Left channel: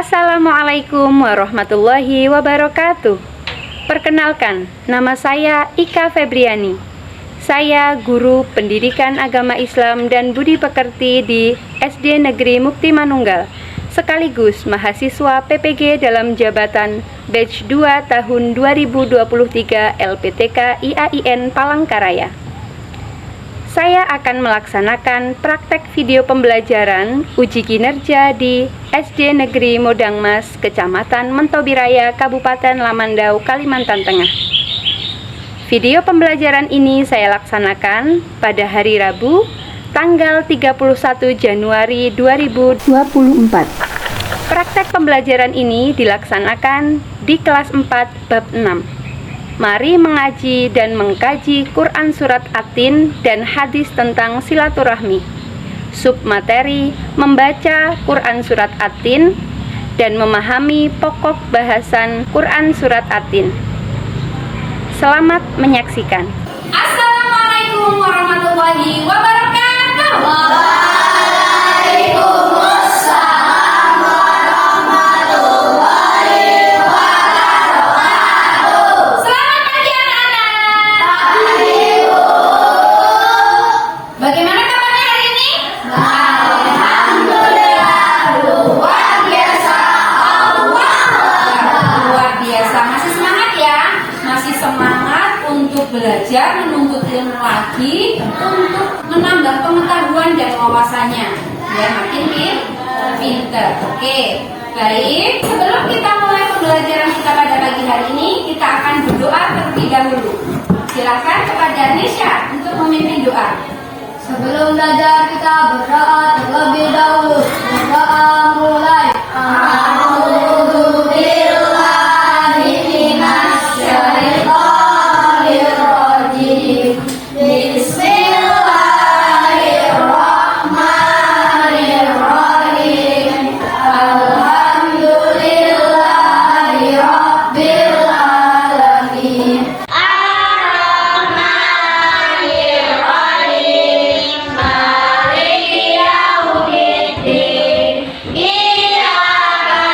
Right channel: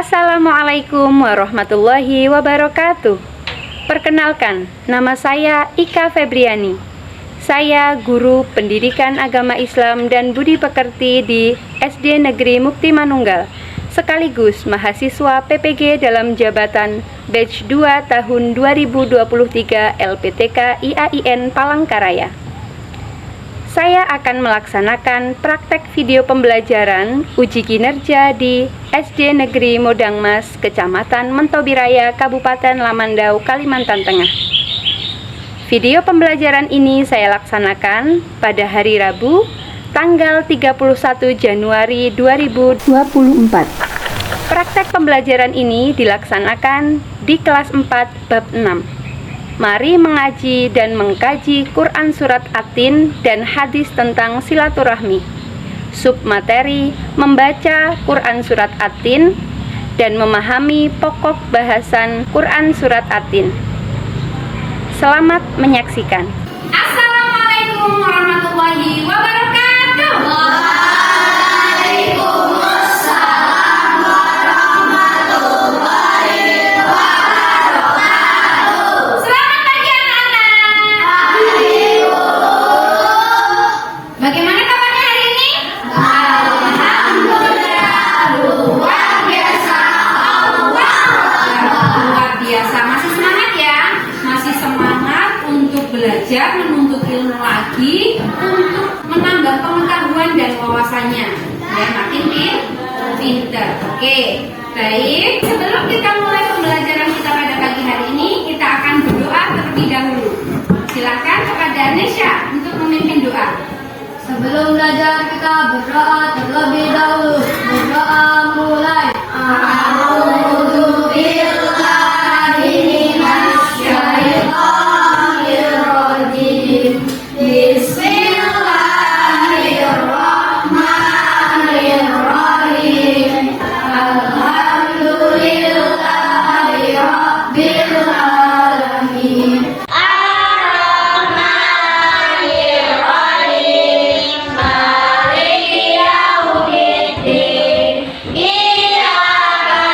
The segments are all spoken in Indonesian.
Assalamualaikum warahmatullahi wabarakatuh. Perkenalkan, nama saya Ika Febriani. Saya guru Pendidikan Agama Islam dan Budi Pekerti di SD Negeri Mukti Manunggal, sekaligus mahasiswa PPG dalam jabatan Batch 2 tahun 2023 LPTK IAIN Palangkaraya. Saya akan melaksanakan praktek video pembelajaran uji kinerja di SD Negeri Modangmas, Kecamatan Mentobiraya, Kabupaten Lamandau, Kalimantan Tengah. Video pembelajaran ini saya laksanakan pada hari Rabu, tanggal 31 Januari 2024. Praktek pembelajaran ini dilaksanakan di kelas 4 bab 6. Mari mengaji dan mengkaji Quran Surat At-Tin dan hadis tentang silaturahmi. Submateri membaca Quran Surat At-Tin dan memahami pokok bahasan Quran Surat At-Tin. Selamat menyaksikan. Assalamualaikum warahmatullahi wabarakatuh. Bagaimana kabarnya hari ini? Alhamdulillah, luar biasa. Luar biasa. Masih semangat ya? Masih semangat untuk belajar, menuntut ilmu lagi, untuk menambah pengetahuan dan wawasannya. Ya, makin pinter. Oke, baik. Sebelum kita mulai pembelajaran kita pada pagi hari ini, kita akan berdoa terlebih dahulu. Silakan kepada Nesha untuk memimpin doa. Sebelum belajar kita berdoa terlebih dahulu. Berdoa mulai. A'udzu billahi minasy syaithanir rajim. Bismillahirrahmanirrahim. Alhamdulillahi rabbil alamin. Maliki yaumiddin. Iyyaka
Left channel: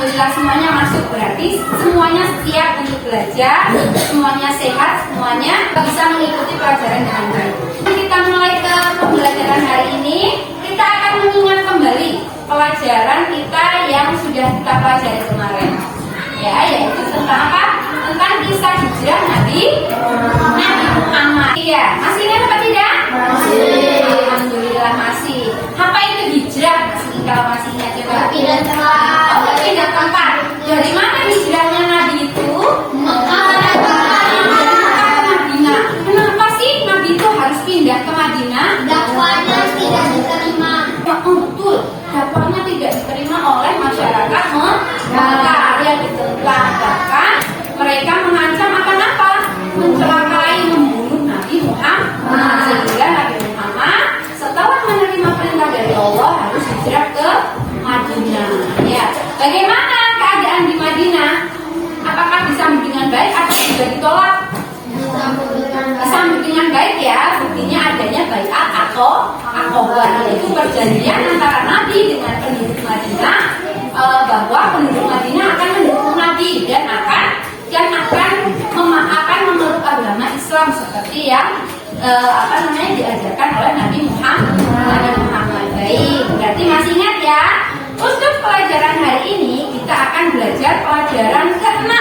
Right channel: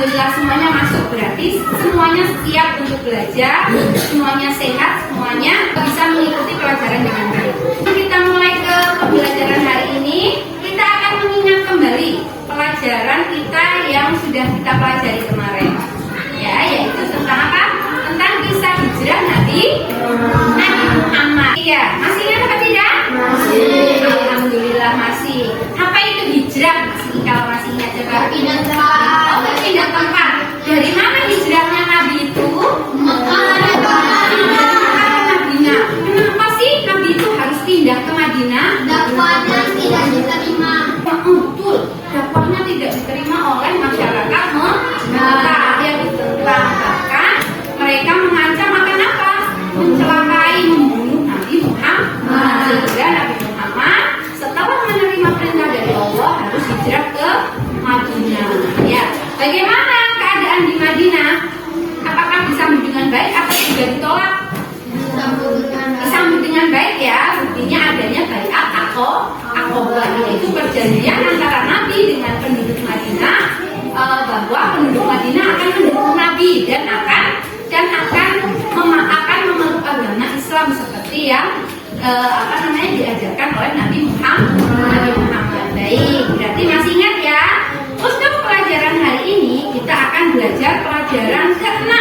Alhamdulillah semuanya masuk, berarti semuanya siap untuk belajar, semuanya sehat, semuanya bisa mengikuti pelajaran dengan baik. Kita mulai ke pembelajaran hari ini. Kita akan mengingat kembali pelajaran kita yang sudah kita pelajari kemarin, ya, yaitu tentang apa? Tentang kisah hijrah Nabi Muhammad. Iya, masih ingat apa tidak? Masih. Alhamdulillah masih. Apa itu hijrah? Kalau masih ingat coba. Pindah tempat. Oh, pindah tempat. Dari mana hijrahnya Nabi itu? Madinah. Kenapa sih Nabi itu harus pindah ke Madinah? Dakwahnya tidak diterima. Betul, dakwahnya tidak diterima oleh masyarakat Mekah yang ditentang, bahkan mereka mengancam akan apa? Mencelakai, membunuh Nabi Muhammad. Sehingga Nabi Muhammad setelah menerima perintah dari Allah harus hijrah ke Madinah. Ya, bagaimana keadaan di Madinah? Apakah disambut dengan baik atau juga ditolak? Disambut dengan baik ya, buktinya adanya baiat atau Aqabah, yaitu perjanjian antara Nabi dengan penduduk Madinah, bahwa penduduk Madinah akan mendukung Nabi dan akan memeluk agama Islam seperti yang diajarkan oleh Nabi Muhammad. Baik, berarti masih ingat ya. Untuk pelajaran hari ini kita akan belajar pelajaran ke-6.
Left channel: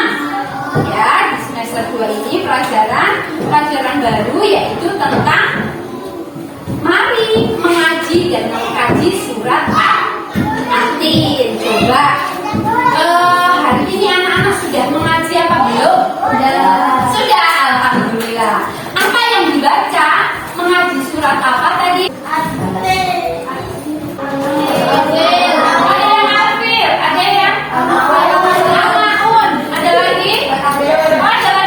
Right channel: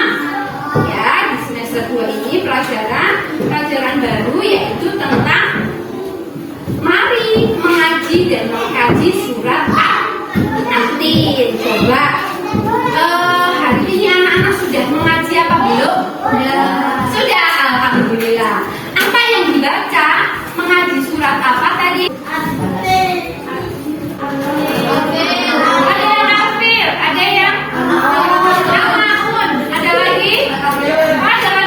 Ya, di semester 2 ini pelajaran baru, yaitu tentang mari mengaji dan mengkaji surat At-Tin. Coba hari ini anak-anak sudah mengaji apa belum? Sudah, alhamdulillah. Apa yang dibaca? Mengaji surat apa tadi? Ada yang Al-Fil, ada yang Al-Maun, ada lagi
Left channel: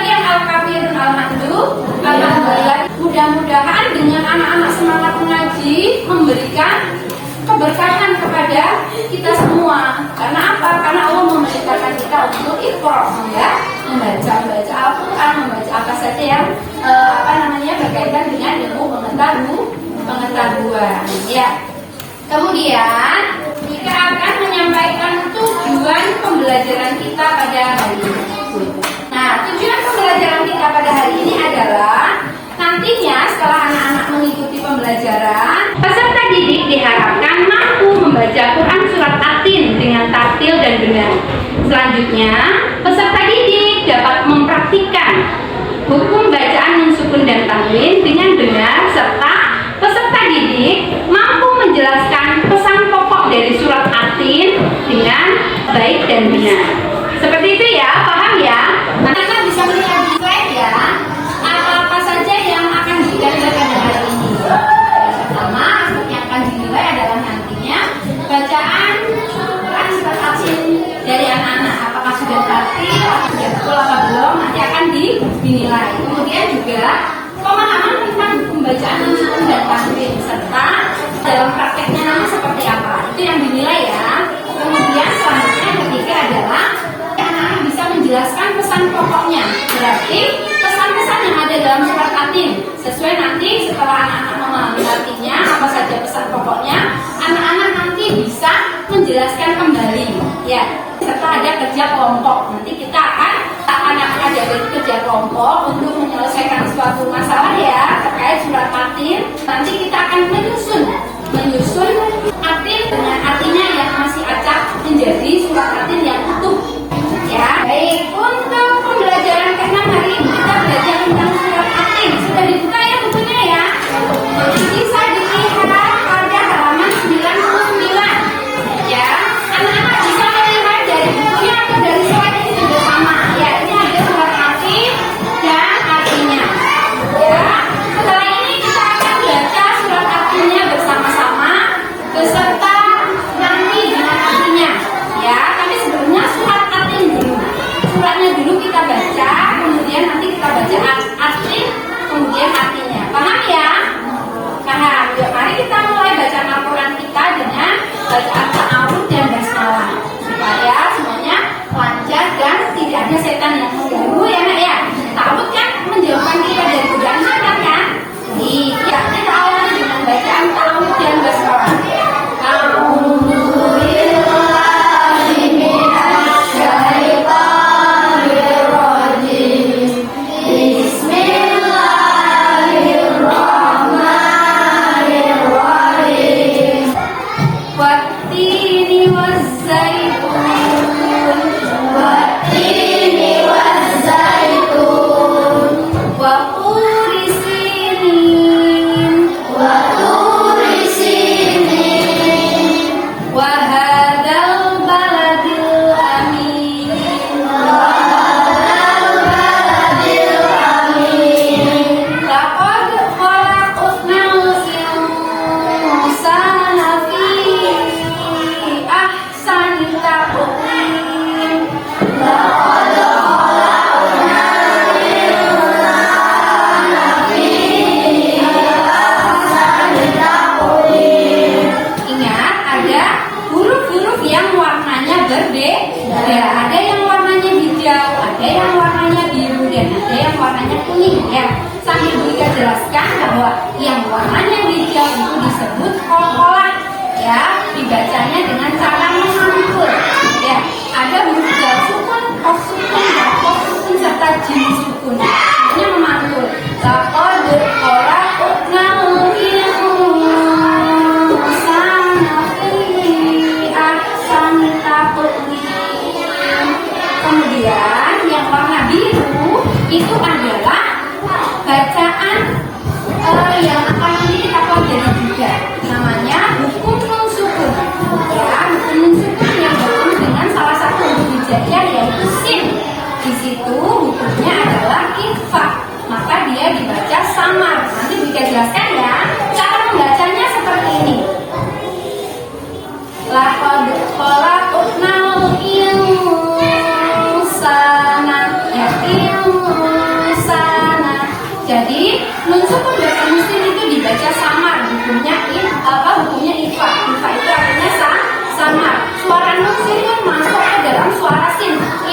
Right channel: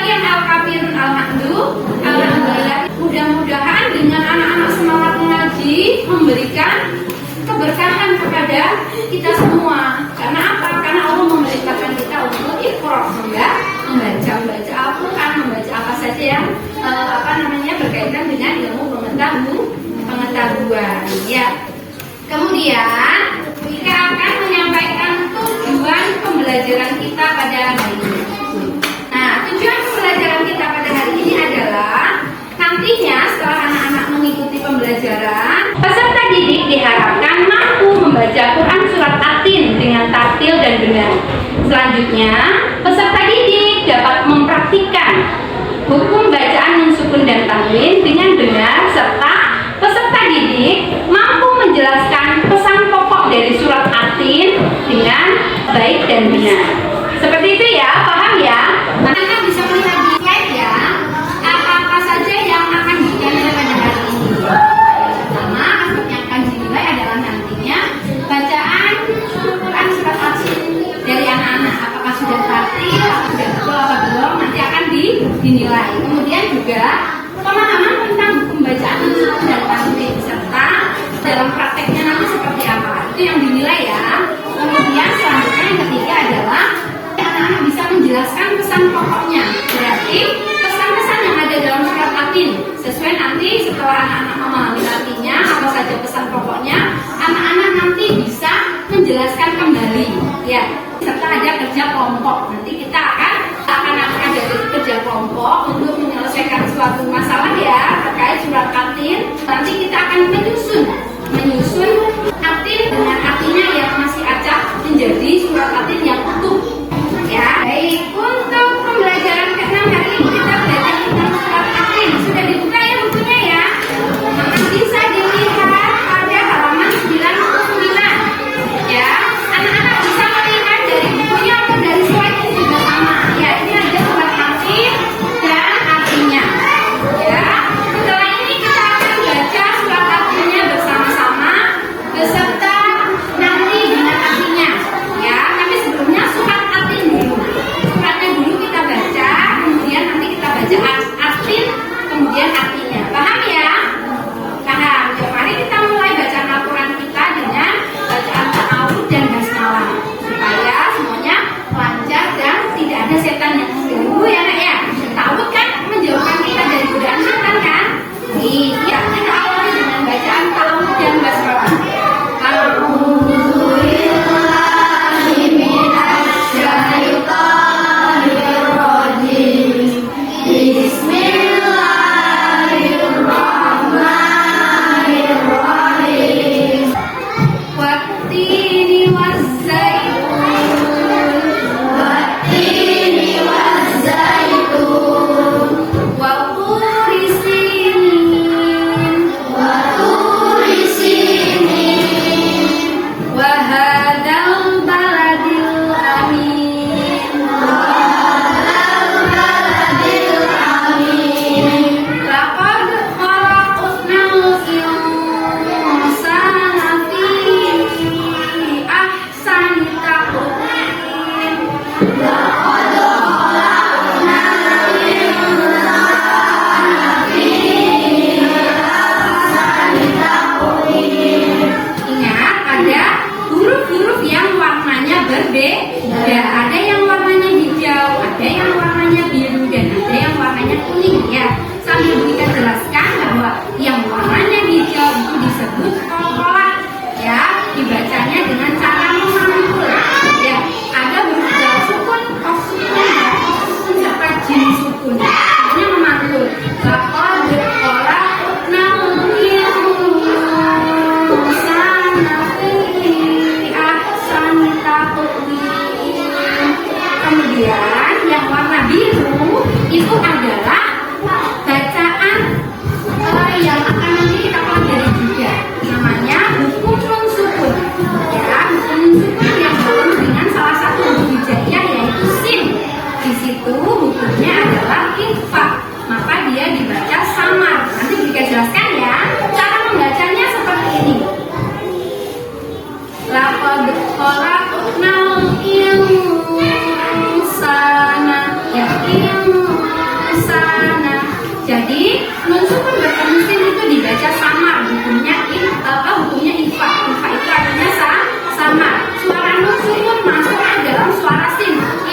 yang Al-Kafirun, Al-Hamdu. Alhamdulillah. Mudah-mudahan dengan anak-anak semangat mengaji memberikan keberkahan kepada kita semua. Karena apa? Karena Allah memerintahkan kita untuk iqra, membaca Al-Quran, membaca apa saja yang berkaitan dengan ilmu pengetahuan. Ya. Kemudian kita akan menyampaikan tujuan pembelajaran kita pada hari ini. Nah, tujuan pembelajaran kita pada hari ini adalah nantinya setelah anak-anak mengikuti pembelajaran, peserta didik diharapkan mampu membaca Quran surat At-Tin dengan tartil dan benar. Selanjutnya, peserta didik dapat mempraktikkan hukum bacaan nunsukun dan tanwin dengan benar, serta peserta didik mampu menjelaskan pesan pokok dari surat At-Tin dengan baik dan benar. Seperti itu ya, paham ya? Anak bisa melihat di slide ya, apa-apa saja yang akan dinilai pada hari ini. Pertama, yang akan dinilai adalah nantinya bacaan Quran surat At-Tin dari anak-anak. Apakah sudah tartil, sudah betul apa belum, nanti akan dinilai. Kemudian juga pemahaman tentang pembacaan nunsukun dan tanwin, serta dalam prakteknya nanti seperti apa, itu yang dinilai ya. Kemudian selanjutnya yang ketiga adalah anak-anak bisa menjelaskan pesan pokoknya, berarti pesan-pesan yang ada dalam surat At-Tin sesuai nanti setelah anak-anak memahami artinya apa saja pesan pokoknya, anak-anak nanti bisa menjelaskan kembali ya, serta ada kerja kelompok. Nanti kita akan ada kerja kelompok untuk menyelesaikan suatu masalah ya terkait surat At-Tin. Nanti kita akan menyusun At-Tin dengan artinya yang masih acak menjadi surat At-Tin yang utuh ya. Baik, untuk pembelajaran ke-6 hari ini kita belajar tentang surat At-Tin. Sudah dibuka ya bukunya ya, bisa dilihat pada halaman 99 ya. Anak-anak bisa melihat dari bukunya atau dari slide ini juga sama ya. Ini ada surat At-Tin dan artinya ya. Setelah ini kita akan baca surat At-Tinnya bersama-sama beserta nanti dengan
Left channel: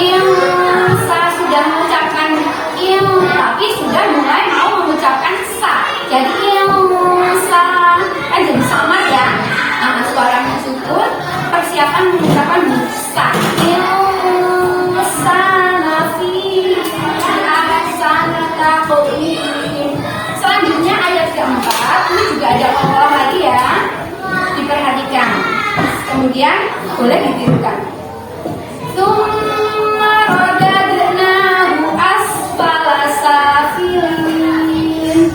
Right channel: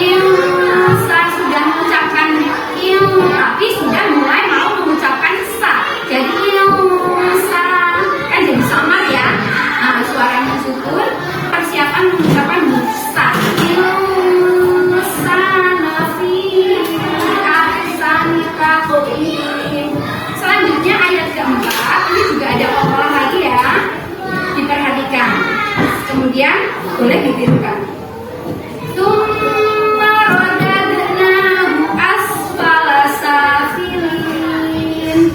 Insa sudah mengucapkan tapi sudah mulai mau mengucapkan sa. Jadi insa kan jadi samar ya. Nah, suara mensukun persiapan mengucapkan sa. Insa nafi ahsani taqwim. Selanjutnya ayat keempat, ini juga ada olah lagi ya. Diperhatikan. Kemudian boleh ditirukan. Tsumma radadnahu asfala safilin.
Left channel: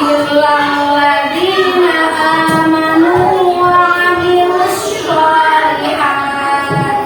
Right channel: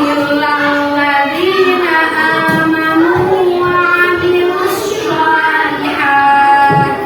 Illal ladzina amanu wa 'amilus shalihat.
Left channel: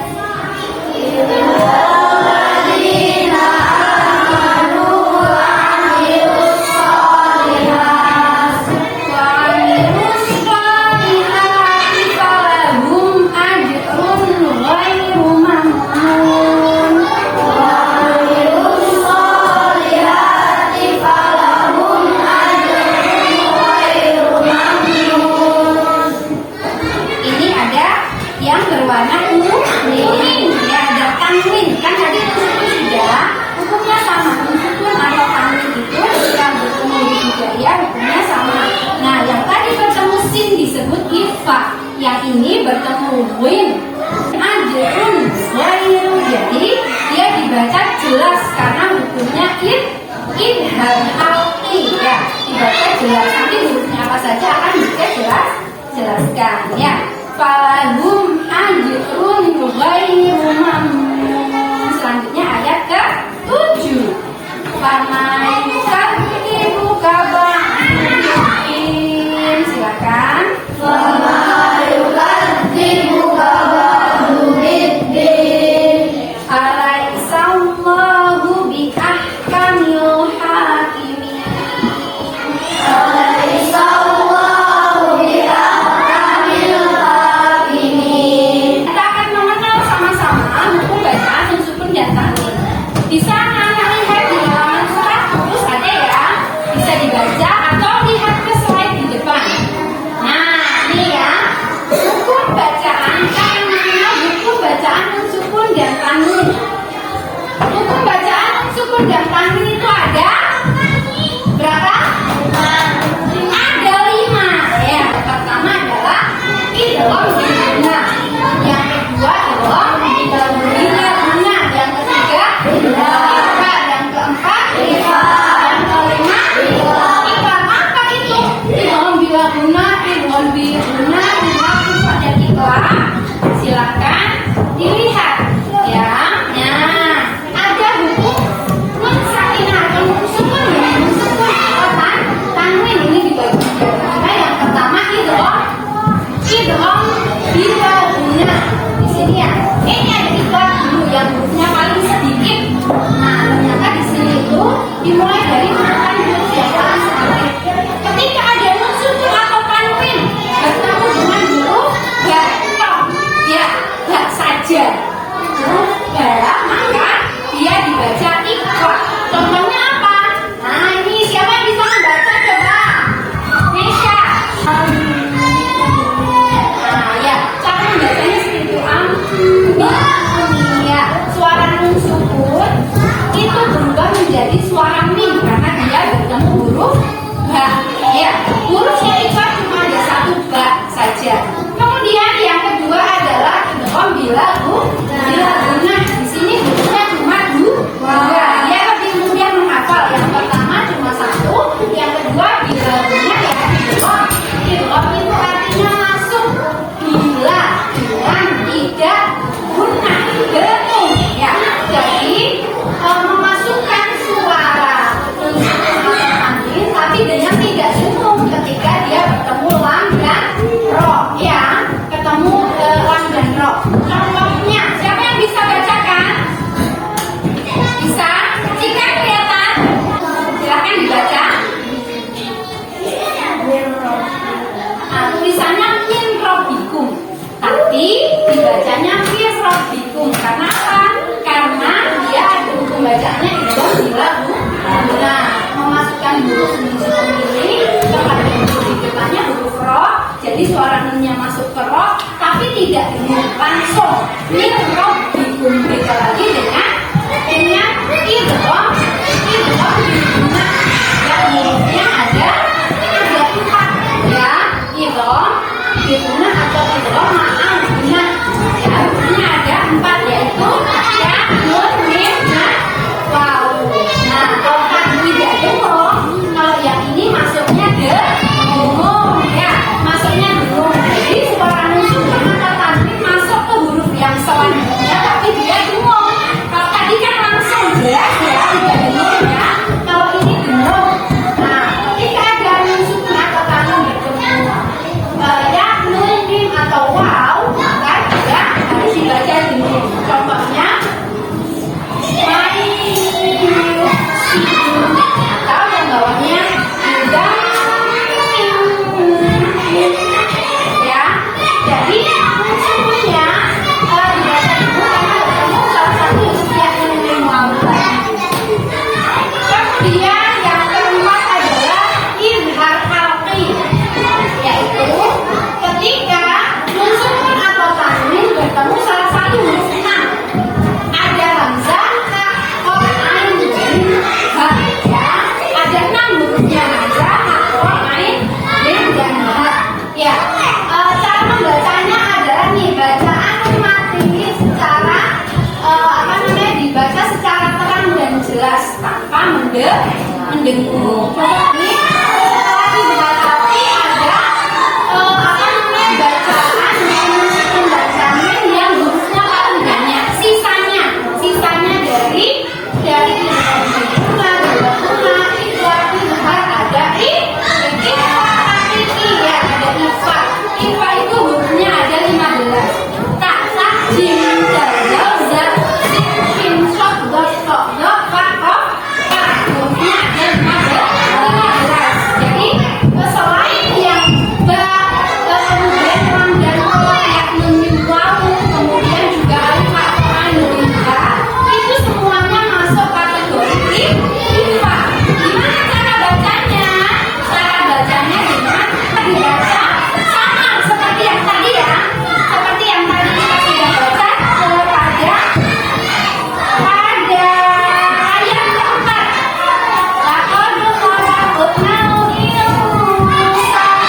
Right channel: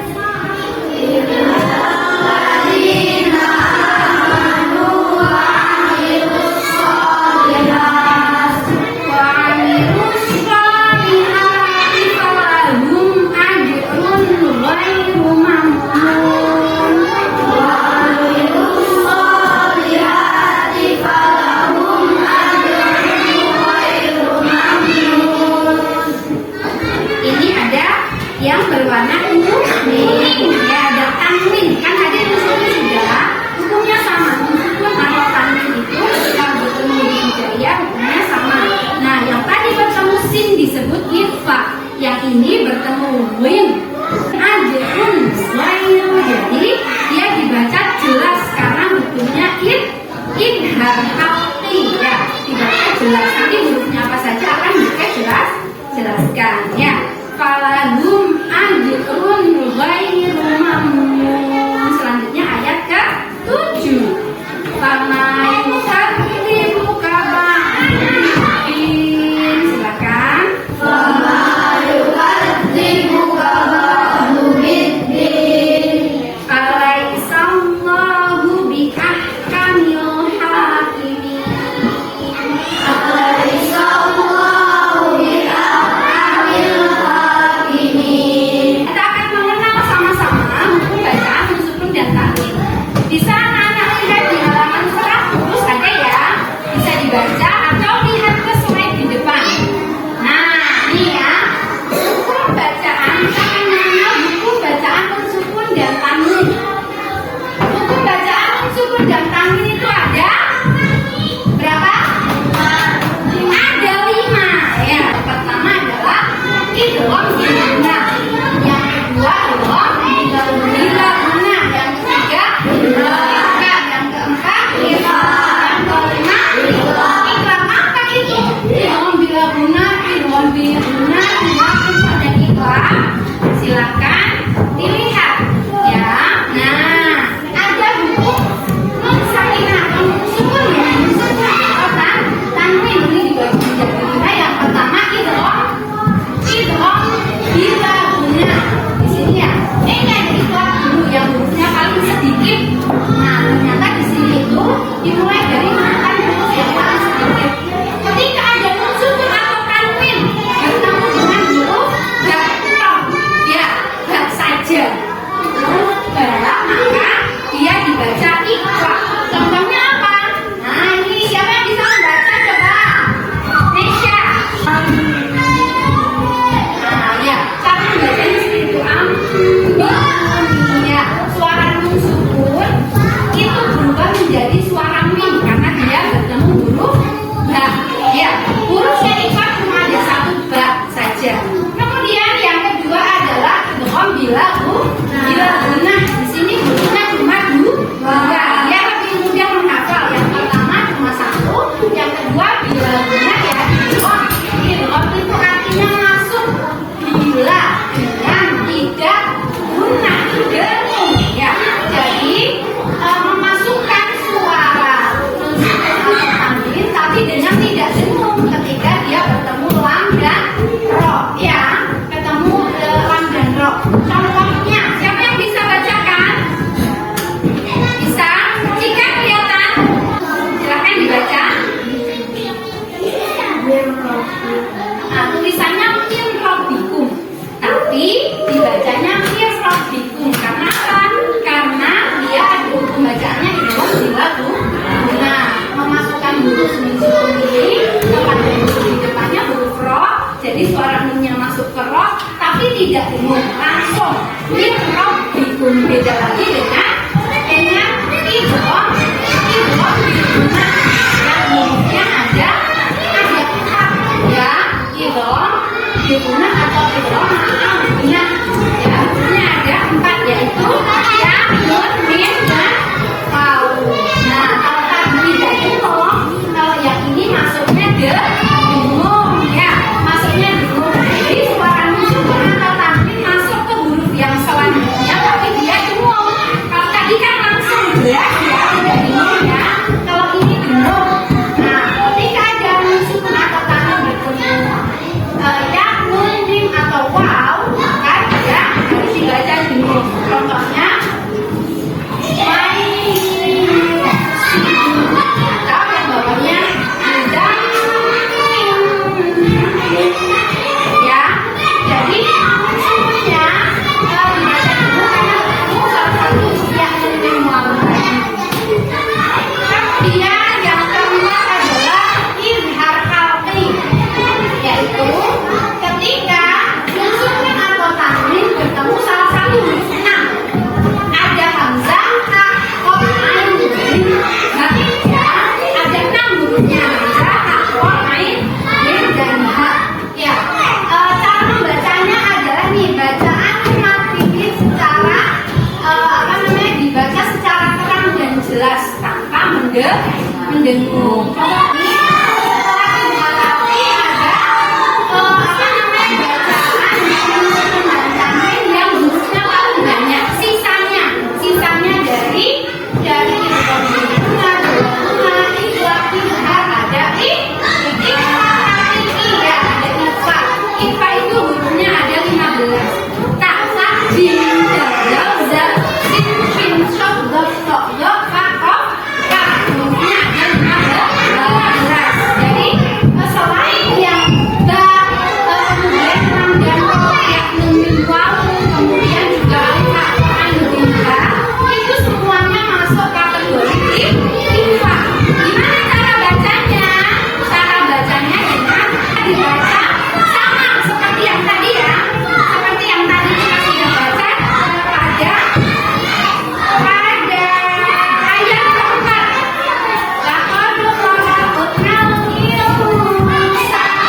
Ini ada yang berwarna kuning, ya ada tanwin. Kan tadi unsur sudah, hukumnya sama. Unsur atau tanwin itu yang bertemu di hijayah hukumnya sama. Nah, yang tadi bertemu sin disebut ifa, yang ini bertemu win. Ajrun ghairu, jadi dia dibaca jelas karena hukumnya idhar hati ya, dibaca jelas. Nanti hurufnya apa saja akan bisa jelaskan ya. Falahum ajrun ghairu mamnun. Selanjutnya ayat ke-7. Fama yukadzibuka ba'du. Silakan. Fama yukadzibuka ba'du biddin. Alaihissallahu biahkamil hakimin. Alaihissallahu biahkamil hakimin. Kita akan mengenal sama-sama hukum bacaan unsur dan tanwin. Di sana lihat di halaman 100 ada ya, bisa dibaca atau lihat ke slide di depan. Nah, ini ya, hukum bacaan kita mengenal hukum bacaan unsur dan tanwin. Hukum bacaan unsur dan tanwin itu ada berapa? Ada 5 ya. Pertama adalah idgham guna. Yang kedua adalah idgham guna. Yang ketiga idgham. Yang keempat idgham. Yang kelima idgham apa itu? suara nunnya masuk ke roh, tapi tidak dengung, langsung min rabbikum. Beda lagi dengan idgham bilguna. Ya, hurufnya ada empat ya, idgham bilguna atau idgham ma'al guna. Ya, hurufnya ada empat, yaitu ya, nun, mim, dan waw. Nah, kalau tidak dengung, kalau yang ini masuknya dengung ya, masuknya dengung. Jadi suara nun atau tanwin masuk ke huruf yang selanjutnya, tapi dia dengung. Kalau tadi kan langsung jelas ya, tidak dengung ya. Kalau ini dengung. Nah, ketika ada nun atau tanwin bertemu ya, nun, mim atau waw, maka dia harus dibaca dengung. Contohnya atau yang bawahnya ada ya. Jadi semuanya dibaca dulu karena ketemu salah satu yang memang tadi. Kemudian yang keempat adalah izhar halqi, yaitu ketika nusuk atau tanwin bertemu salah satu huruf enam. Ada hamzah, ta, qaf, ain, jim, ha. Ya, ada 6 hurufnya, hamzah, ta, qaf, ain, jim, dan ha. Ya, cara membacanya adalah nih, bacaan matiwi secara dibaca secara terang dan jelas tanpa mendengung. Ini setelah dibuat tapi ada bacaan yang hurufnya paling banyak. Sisanya dari ada ifa itu hurufnya ada 15. Tak, jim, dal, za, sin, fin, shok, dot, tok, dot, fa, kof, ka. Hurufnya ada 15. Jadi selain yang kemudian ram dan ro, ya, nun, mim, waw, kemudian juga alif, ain, mim, ha, itu semuanya masuk kategori ifa. Gimana cara bacanya? Cara bacanya dengan dibaca sama seperti yang tadi ya, seperti yang tadi kita sudah baca pada ayat keempat. Laqad khalaqnal insana.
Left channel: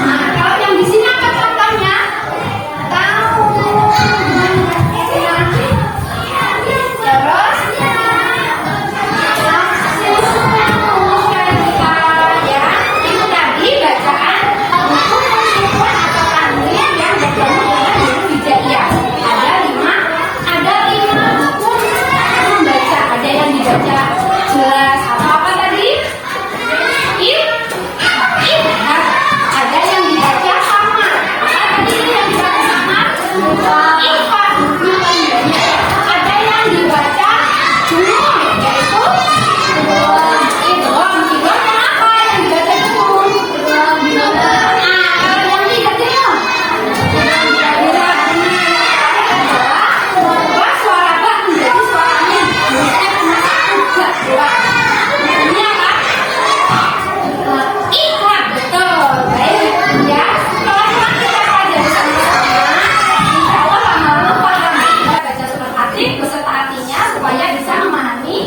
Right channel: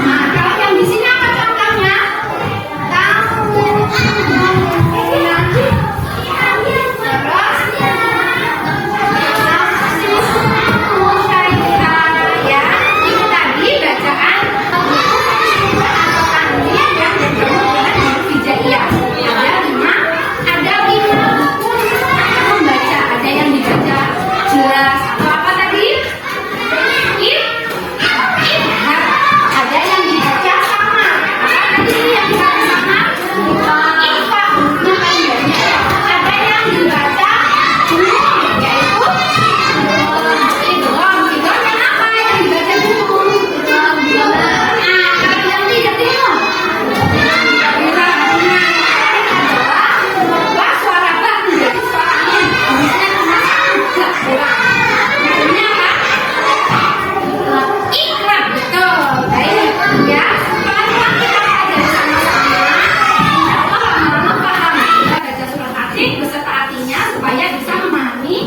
Nah, kalau yang di sini apa contohnya? Ya, itu tadi bacaan atau tanwin yang bertemu dengan huruf hijaiyah. Ada lima hukum membaca. Ada yang dibaca jelas atau apa tadi? Izhar. Ada yang dibaca sama. Apa tadi yang dibaca sama? Ikhfa. Ada yang dibaca junun, yaitu idgham. Idgham yang apa yang dibaca junun? Nah, kalau yang tidak dengung, bahwa suara ba menjadi suara amin. Hurufnya cuma satu, dua. Hurufnya apa? Ikhlas, betul. Baik, ya. Pelan-pelan kita pelajari sama-sama. Insya Allah lama-lama paham. Kita baca surat At-Tin beserta artinya supaya bisa memahami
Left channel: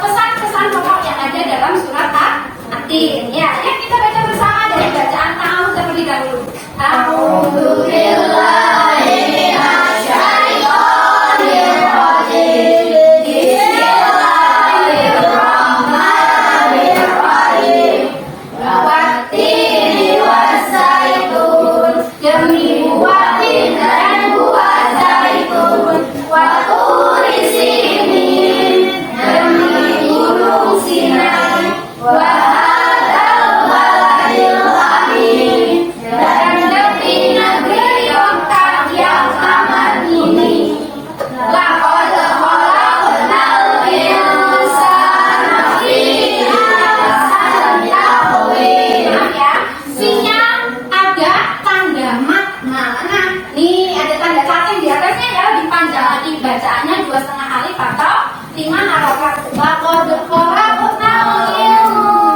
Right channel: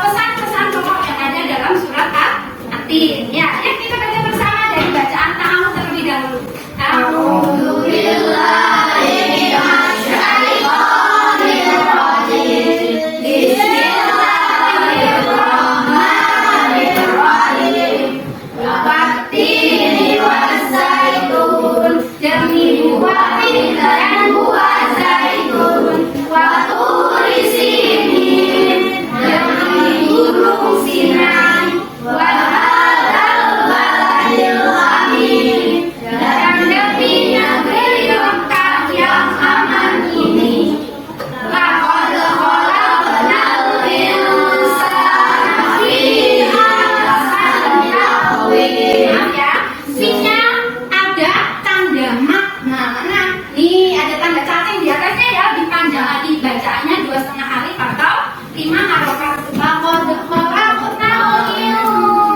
pesan-pesan pokok yang ada dalam surat At-Tin. Ya, yuk kita baca bersama dari bacaan ta'awudz terlebih dahulu. A'udzu billahi minasy syaithanir rajim. Bismillahirrahmanirrahim. Wat-tini was-zaitun, demi buah tin dan buah zaitun. Wa turi sinin, demi gunung Sinai. Wa hadzal baladil amin, dan demi negeri Mekah yang aman ini. Laqad khalaqnal insana fi ahsani taqwim. Ya, sinya ada tanda mat. Nah, nih ada tanda cacing di atasnya ya, dipanjang lagi bacaannya 2,5 alif atau 5 harokat. Laqad khalaqnal insana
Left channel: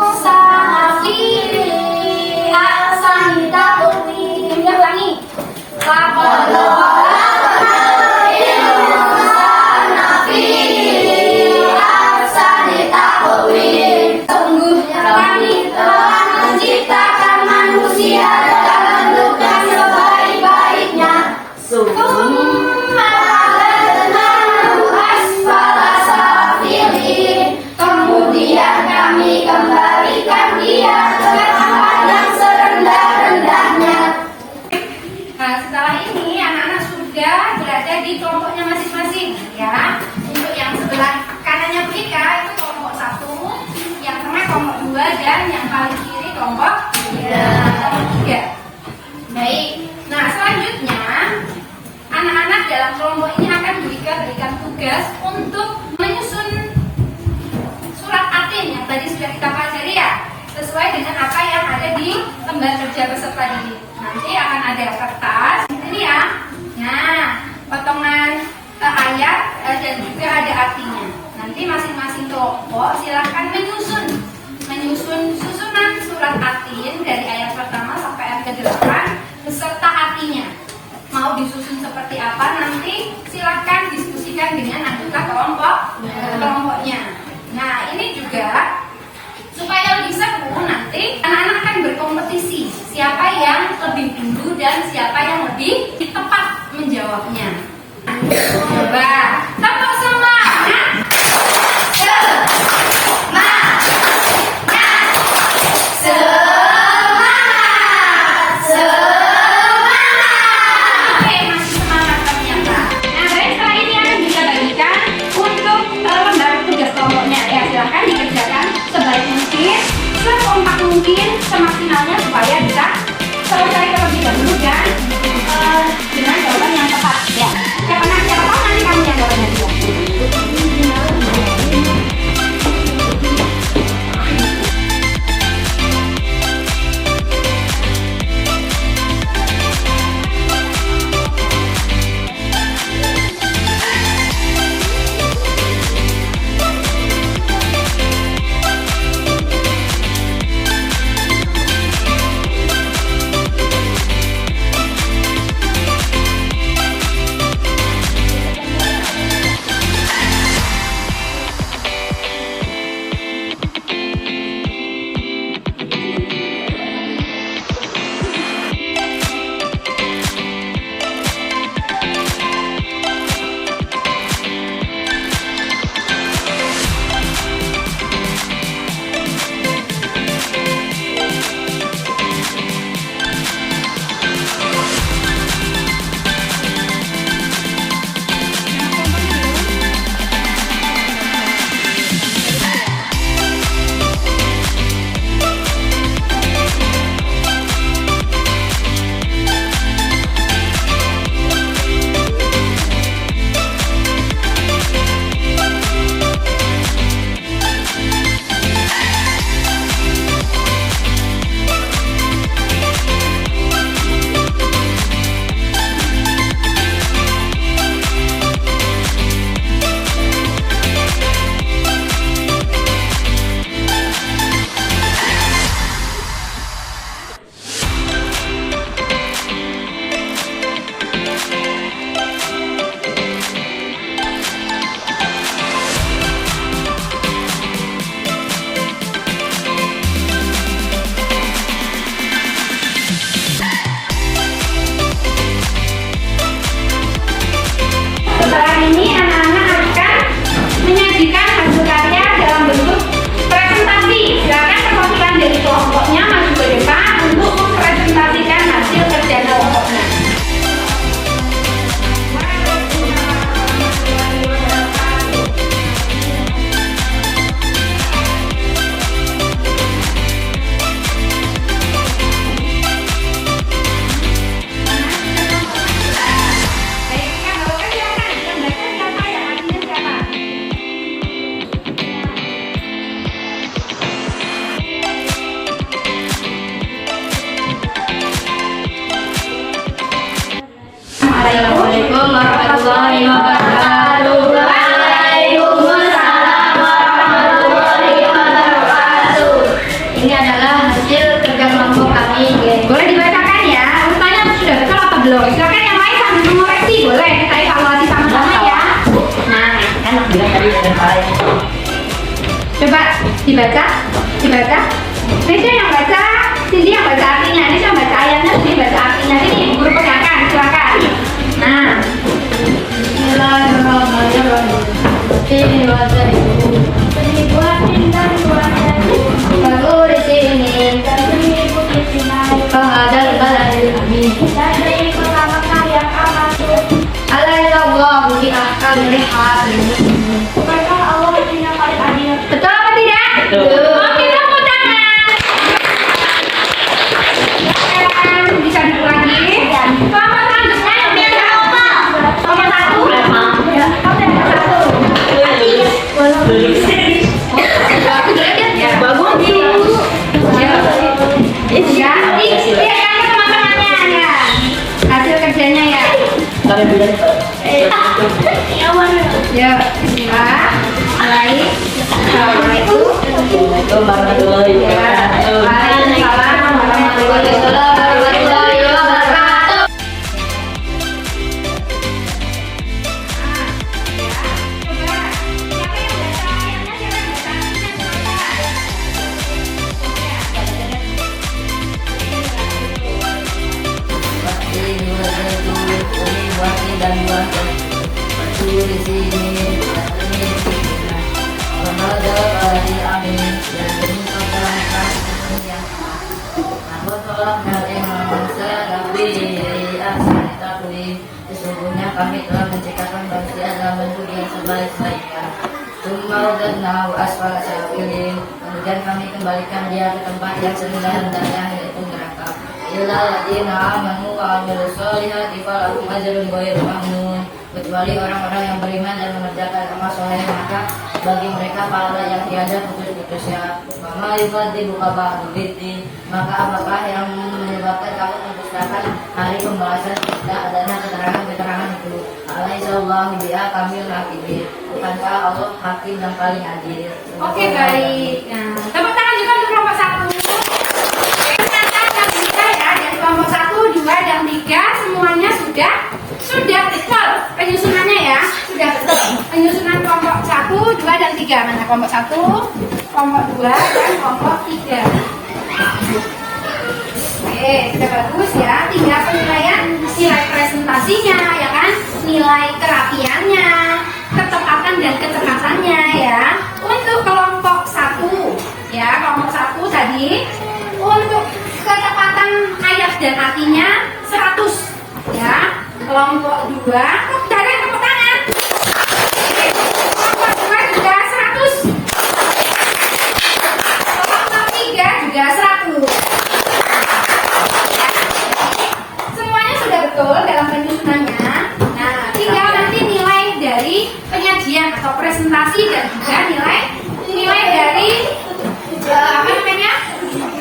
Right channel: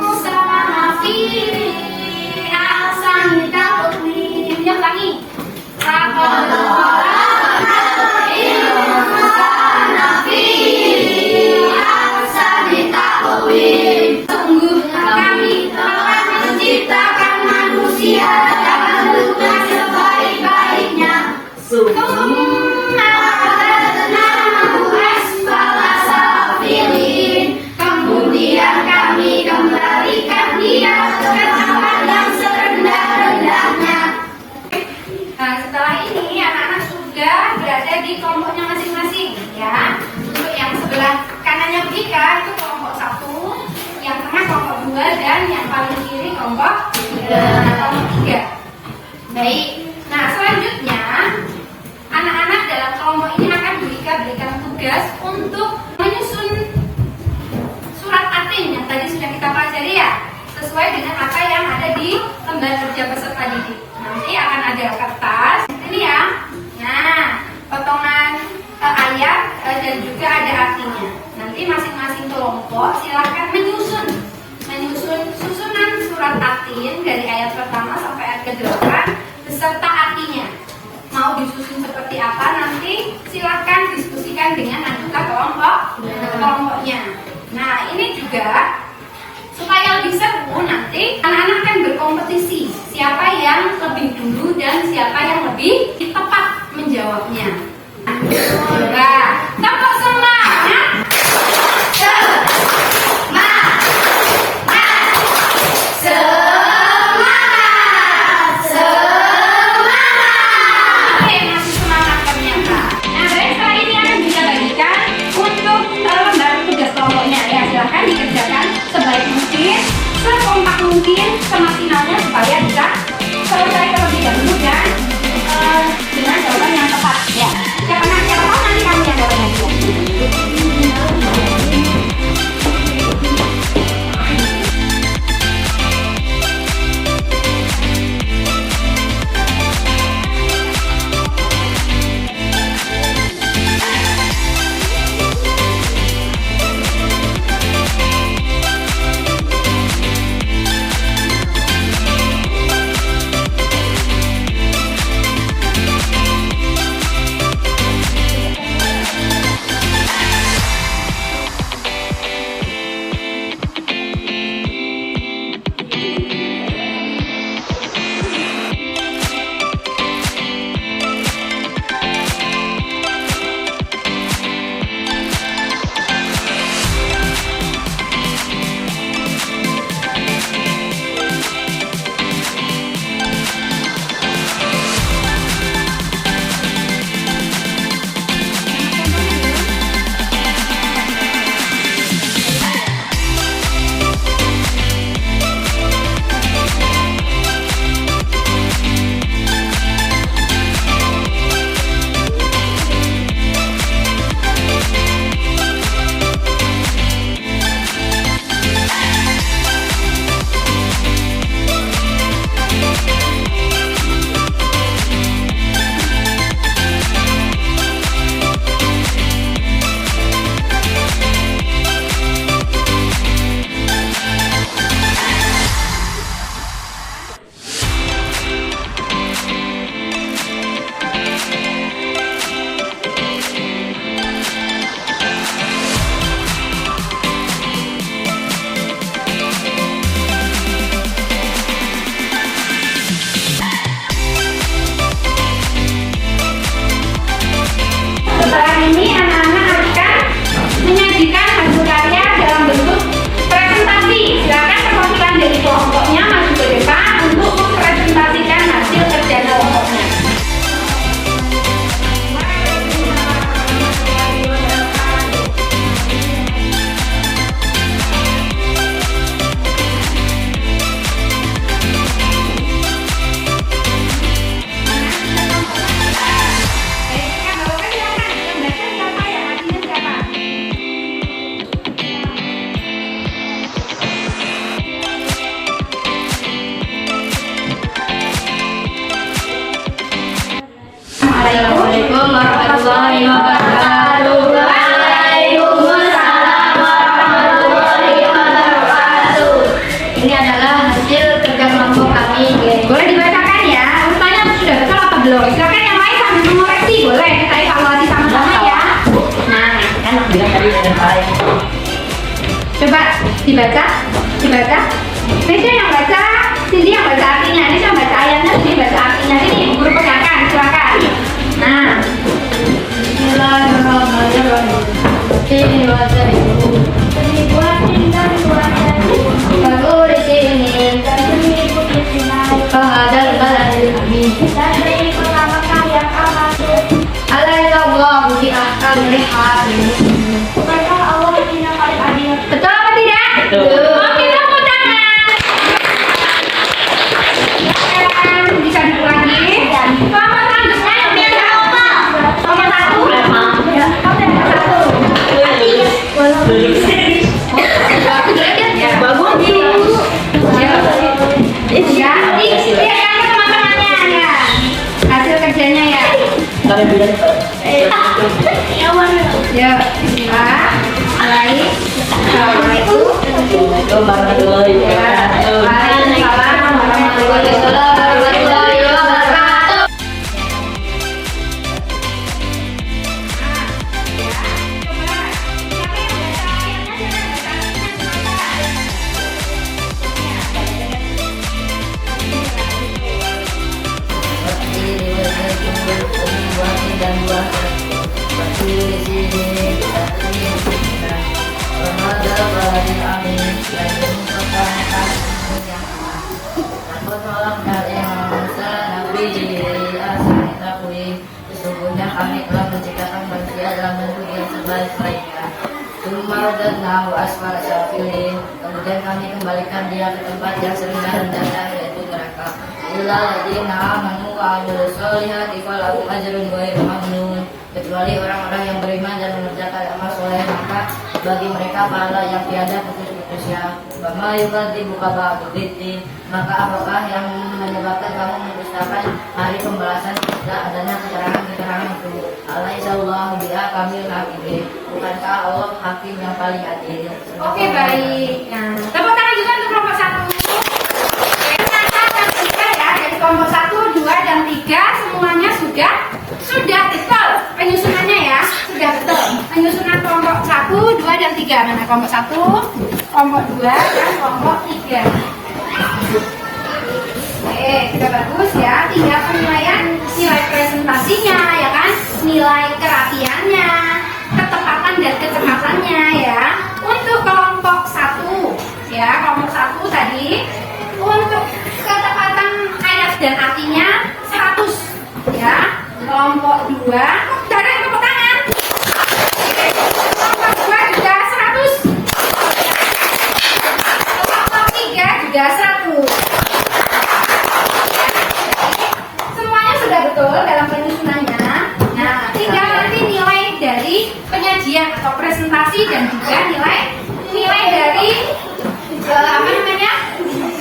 kelompok 3. Baik. Nah, selanjutnya anak-anak dalam kelompok ini akan diberikan tugas untuk menyusun surat atin yang tadi sudah kita pelajari ya, sesuai dengan apa yang ada di lembar kerja peserta didik. Nanti akan ada kertas ini ya. Nah, potongan ayat dan juga ada artinya. Nanti masing-masing kelompok silahkan menyusun susunan surat atin dari ayat pertama sampai ayat ke-8 beserta artinya. Mau disusun seperti apa nanti silahkan diskusikan dengan anggota kelompoknya. Nah, ini juga supaya lebih seru, nanti anak-anak akan berkompetisi siapa yang lebih dulu dan siapa yang lebih tepat menjawabnya. Coba tepuk semangat. Oke, masih semangat ternyata. Nah, baik, setelah ini akan kita bagikan untuk lembar tugas kelompoknya. Ya, silahkan dikerjakan sebaik mungkin, sekompak mungkin, semaksimalnya supaya bisa selesai terlebih dahulu dan dengan jawaban yang tepat. Ya, siapa tahu nanti kamu yang dapat hadiah. Setelah ini anak-anak akan menyajikan hasil karya dalam bentuk presentasi. Silakan perwakilan dari kelompoknya maju ke depan untuk mempresentasikan hasil kerja kelompoknya. Assalamualaikum warahmatullahi wabarakatuh. Waalaikumsalam warahmatullahi wabarakatuh. Ini adalah hasil kerja kelompok kami. Boleh dibacakan ya, urutannya sudah betul atau belum? Silakan yang lain sambil mengoreksi, boleh kita evaluasi sama-sama ya. Nah, Kan bilang tadi ada salah. coba dibaca. Nesya yang baca, Cindy yang baca artinya, Nesya yang baca ayatnya, Cindy baca artinya. Ini guru pegangkan, silakan. Nah, Bismillahirrahmanirrahim. Ini bahasa ibu. Ini buatin dan buatin. Lalu di sini. Dan ini putih sinai. Kehadal baladil amin. Dan ini pertama kali yang aman. Alaihissallahu bi ahkamil hakim. Mereka Allah yang paling adil. betul apa tidak? Betul. Oke, tepuk tangan. kembalikan dia ke tempat yang serendah-rendahnya, yaitu neraka. Illal ladzina amanu wa amilus solihati falahum ajrun ghairu mamnun. Kecuali orang-orang yang beriman dan mengerjakan amal soleh, maka bagi mereka pahala yang tiada putus-putusnya. Wa ma yukadzibuka ba'du biddin, maka apakah yang menyebabkan kamu mendustakan hari pembalasan? Tidak adanya keterangan itu. Alaihissallahu bihakamil hakimin. Bukankah Allah hakim yang paling adil? Oke, baik. Nah, tepuk tangan juga untuk kelompok 1. Dari kelompok 1, 2, dan 3 semuanya sudah betul penyusunannya ya, sudah betul penyusunan kelompok 1, 2, dan 3. Mana kelompok 1, kelompok 2, dan kelompok 3. Sudah bagus ya. Tinggal penilaian nilai presentasinya ya kan, nilai kerapiannya, ketepatan dan kecepatannya ya. Untuk kelompok 1 ya, kelompok 1 tadi untuk ketepatan ayat dan artinya 100 ya. Kelompok 2 dari tepuk tangan. Kelompok 2 juga 100. Kelompok 3 juga 100. Semuanya sudah betul dalam penyusunannya. Nah, tinggal nanti nilai dari penyajian atau presentasi dan juga nilai dari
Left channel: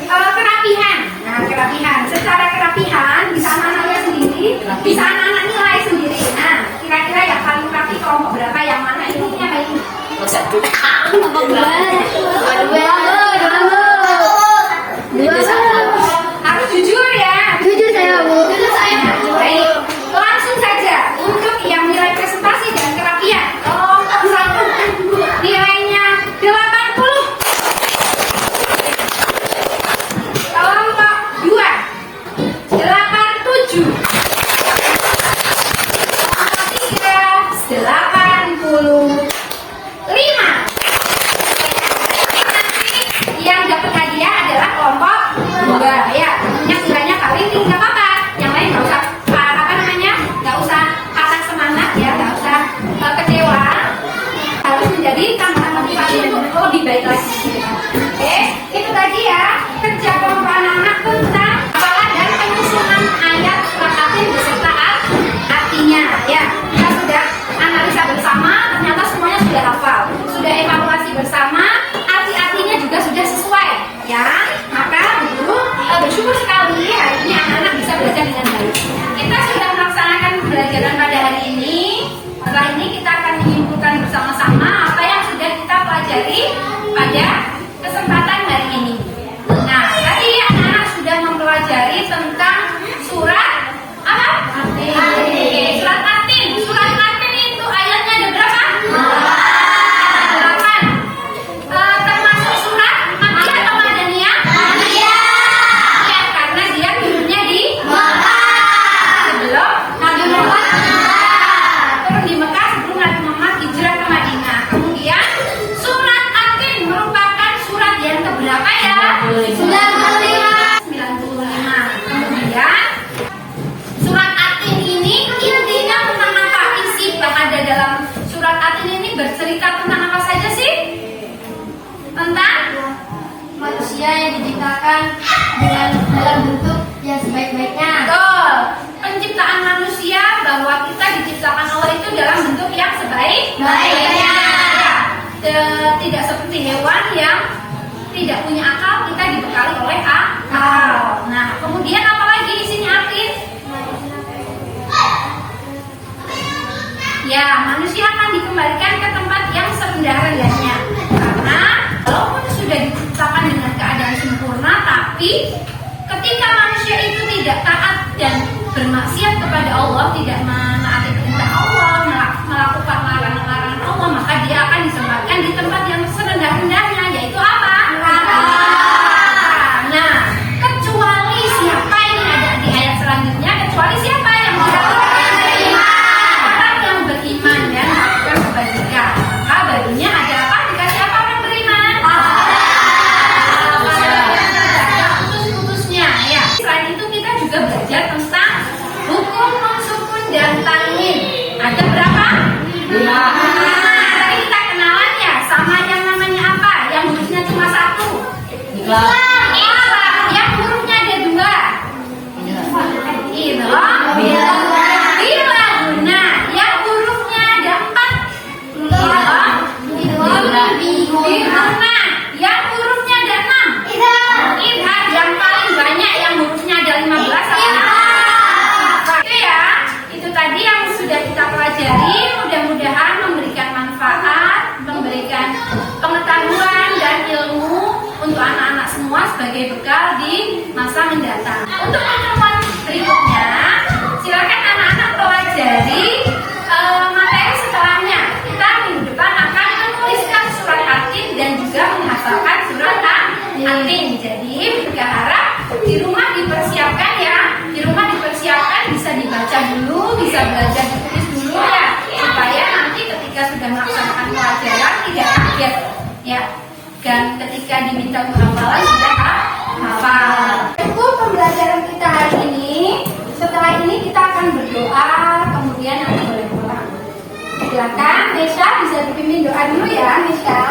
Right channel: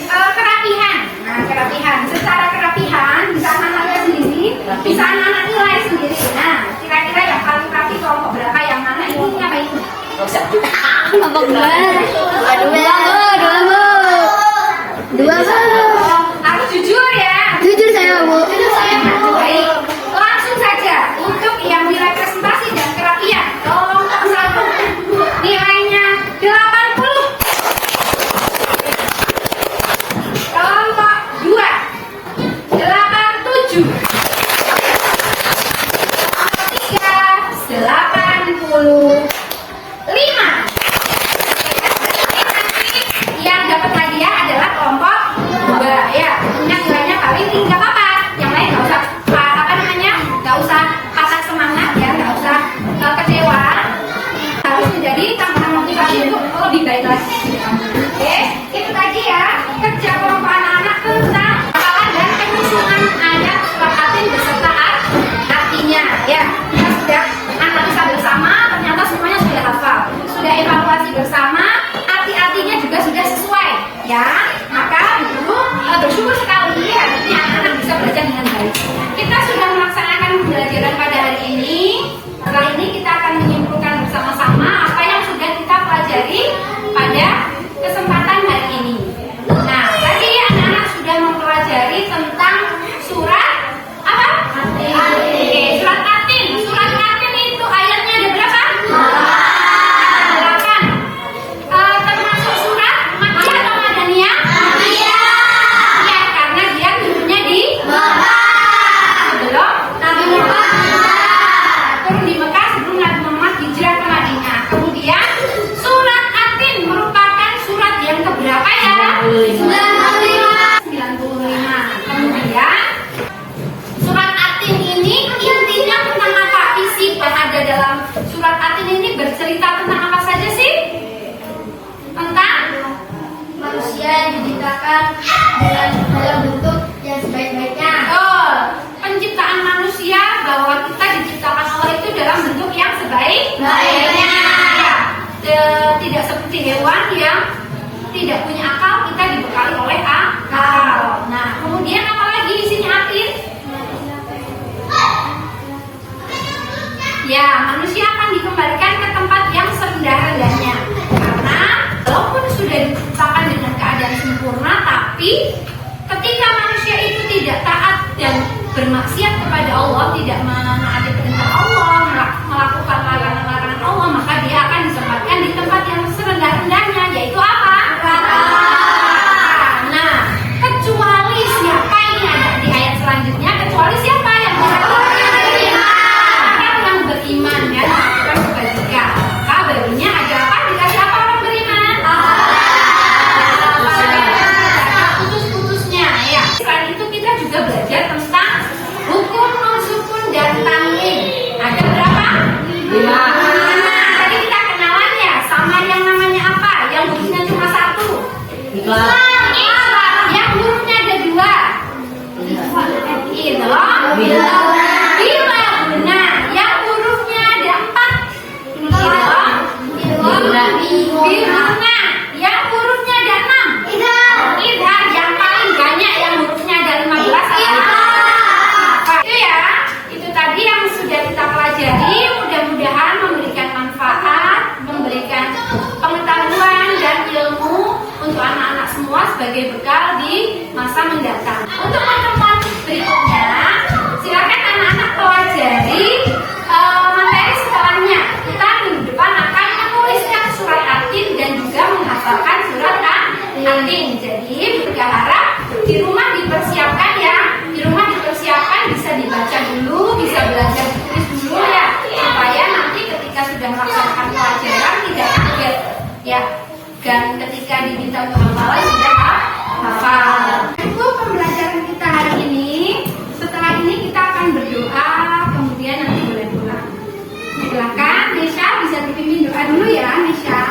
kerapihan. Nah, kerapihan. Secara kerapihan bisa anak-anak lihat sendiri, bisa anak-anak nilai sendiri. Nah, kira-kira yang paling rapi kelompok berapa? Yang mana ini? Apa ini? Harus jujur ya. Jujur saya, Bu. Baik, langsung saja untuk yang nilai presentasi dan kerapian. Kelompok 1 nilainya 80. Kelompok 2 87. Kelompok 3 85. Yang dapat hadiah adalah kelompok 2 ya. Yang nilainya paling tinggi nggak apa-apa. Yang lain nggak usah nggak usah patah semangat ya, nggak usah kecewa. Harus menjadi tambahan motivasi untuk lebih baik lagi. Oke, itu tadi ya kerja kelompok anak-anak tentang hafalan dan penyusunan ayat surat Al-Fatihah beserta artinya ya. Kita sudah analisa bersama, ternyata semuanya sudah hafal, sudah evaluasi bersama, arti-artinya juga sudah sesuai ya. Maka guru bersyukur sekali hari ini anak-anak bisa belajar dengan baik. Kita sudah melaksanakan pembelajaran pada hari ini. Setelah ini kita akan menyimpulkan bersama-sama apa yang sudah kita pelajari pada kesempatan hari ini. Nah, tadi anak-anak sudah mempelajari tentang surat apa? Oke, surat Atin. Surat Atin itu ayatnya ada berapa? 8. Termasuk surat Makkiyah atau Madaniyah? Ya, karena dia turunnya di sebelum Nabi Muhammad turun di Mekah, sebelum Nabi Muhammad hijrah ke Madinah. Kemudian surat Atin merupakan surat yang keberapa ya? 95. Kemudian surat Atin ini intinya tentang apa? Isi ada dalam surat Atin ini bercerita tentang apa saja sih? Tentang Manusia yang diciptakan dalam bentuk yang sebaik-baiknya. betul, penciptaan manusia, bahwa kita diciptakan Allah itu dalam bentuk yang sebaik-baiknya. Tidak seperti hewan yang tidak punya akal, kita dibekali oleh akal. Nah, kemudian apa lagi isinya Atin? Ya, manusia akan dikembalikan ke tempat yang serendah-rendahnya. Karena walaupun sudah diciptakan dengan keadaan sempurna, tapi ketika manusia itu tidak taat dan bermaksiat kepada Allah, tidak menaati perintah Allah, melakukan larangan-larangan Allah, maka dia akan ditempatkan di tempat yang serendah-rendahnya, yaitu apa? Neraka. Nah, kecuali siapa ini ada di ayat selanjutnya, kecuali siapa yang bisa orang yang beriman dan melakukan kebajikan, maka barunya ada apa? Dikasih apa orang beriman? Putus-putusnya ya. Selain itu kita juga belajar tentang hukum sukun dan tanwin. Ada berapa? 5. Tadi kita kenalan ya, 1, Ikhlas. Ikhlas. Yang hurufnya ada dua. Idham. Bilaguna. Yang hurufnya ada empat. Idham. Bilaguna. Yang hurufnya ada enam. Idham. Yang paling banyak yang hurufnya ada 15. Itu ya. Itu tadi yang sudah kita pelajari. Mudah-mudahan memberikan manfaat, memberikan pengetahuan dan ilmu untuk anak-anak semua sebagai bekal di masa mendatang. Untuk pertemuan berikutnya, silakan anak-anak pelajari materi setelahnya. Kita minggu depan akan menuliskan surat Atin dan juga menghafalkan surat Atin. Jadi berharap di rumah dipersiapkan ya. Di rumah dipersiapkan, bisa dibaca dulu, bisa belajar ditulis dulu ya, supaya nanti ketika sudah melaksanakan pelajaran tidak kaget ya. Dan ketika diminta untuk hafalan sudah hafal. Itu pembelajaran kita hari ini. Setelah ini kita akan berdoa, kemudian nanti boleh pulang. Silakan Nesha, bisa dipimpin doa dulu ya Nesha.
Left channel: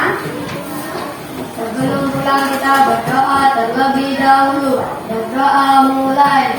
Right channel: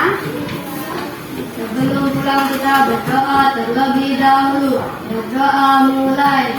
Sebelum pulang kita berdoa terlebih dahulu. Berdoa mulai.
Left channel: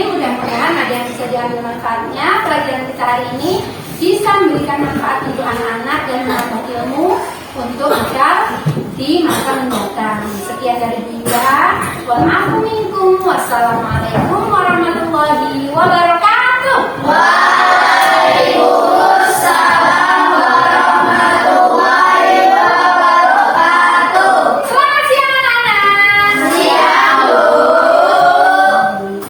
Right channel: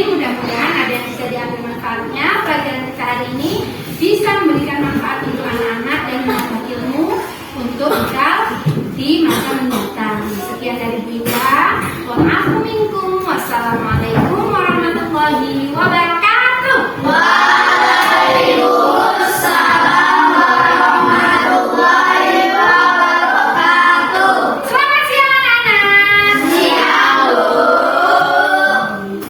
Mudah-mudahan ada yang bisa diambil manfaatnya. Pelajaran kita hari ini bisa memberikan manfaat untuk anak-anak dan menambah ilmu untuk bekal di masa mendatang. Sekian dari Dinda. Wassalamualaikum.